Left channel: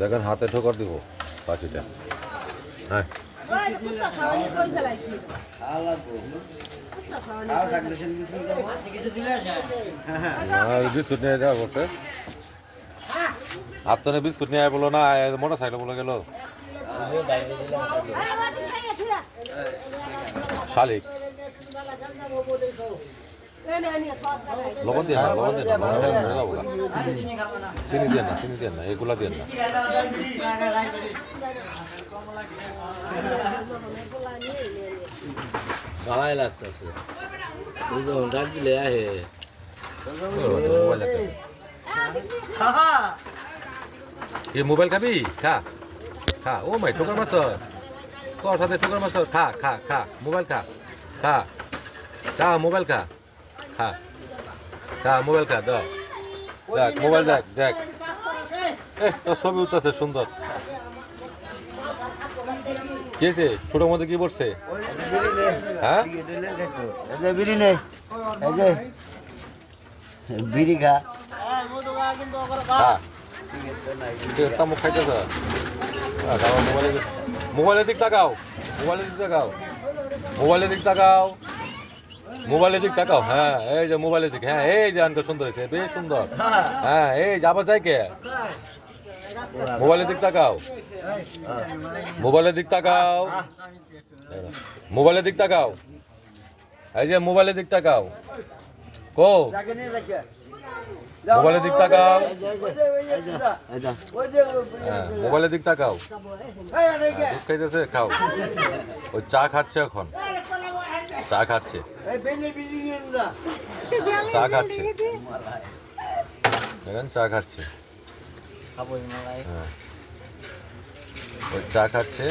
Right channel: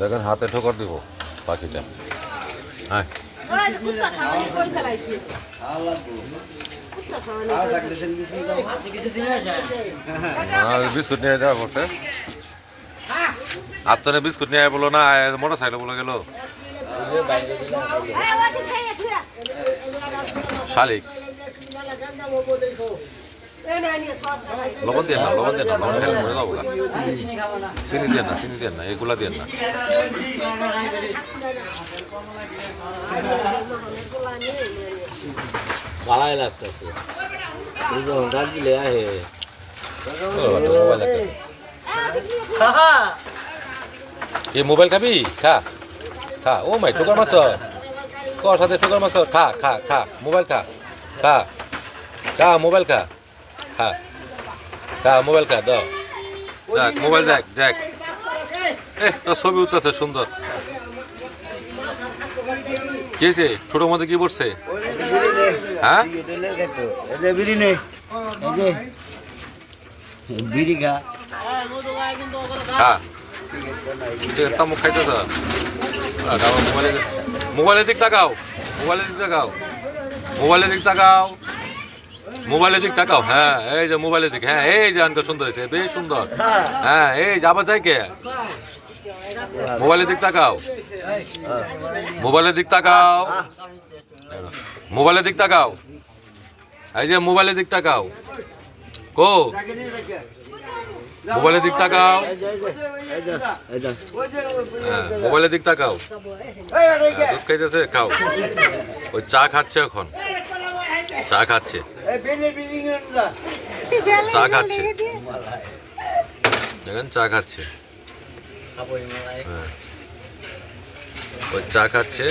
দেখেন হাতে ঠোকর দিব পাখিটা। হ্যাঁ বিস্কুট নিয়ে দেওয়া করছে। আর তো বিস্কুট নিয়ে বলো না, মোটর সাইকেল বলে গেল শালিক। লবণ দিয়ে না, লবণ দিয়ে না, লবণ খেলে মরে যাবো। চিনি দিয়ে না, চিনি দিয়ে না, এগুলা দিয়ে না। ভালাই লাগতেছে ডাক দিলে আহে মোবাইল খাবি? খা খা। ও মাই ঠোকর মাছ কর সাথে ঠোকর মাছ। খা খা খা মোবাইল খা খা খা মোবাইল খা খা খা মোবাইল খা। দেখ দেখ মোবাইল দেখ দেখ। তোর ছবি উঠতেছে সুন্দর। কি হয়েছে? ছোটোর মধ্যে কি পড়ছে? হ্যাঁ বিড়ি নেই বিড়ি খা খা তামুক খাইতেছ। মোবাইলের দিক তাকাও, মোবাইলের দিক তাকাও, মোবাইলের দিক তাকাও, মোবাইলের দিক তাকাও। হ্যাঁ এই যে মোবাইলের দিক। হ্যাঁ এই যে আনকা সুন্দর হয়েছে, বেশ সুন্দর। হ্যাঁ এই যে আবার যাই কে মোবাইলের দিক তাকাও, মোবাইলের দিক তাকাও, মোবাইলের দিক তাকাও। এই যে মোবাইলের দিক তাকাও। কো মোবাইলের দিক তাকাও। হ্যাঁ মোবাইলের দিক তাকাও। দুধ খাইতেছে, খাও। ওই চা খাচ্ছে এখন, চা খাচ্ছে, চা খাচ্ছে। দেখেন চা খাচ্ছে। হ্যাঁ ওই চা খাচ্ছে।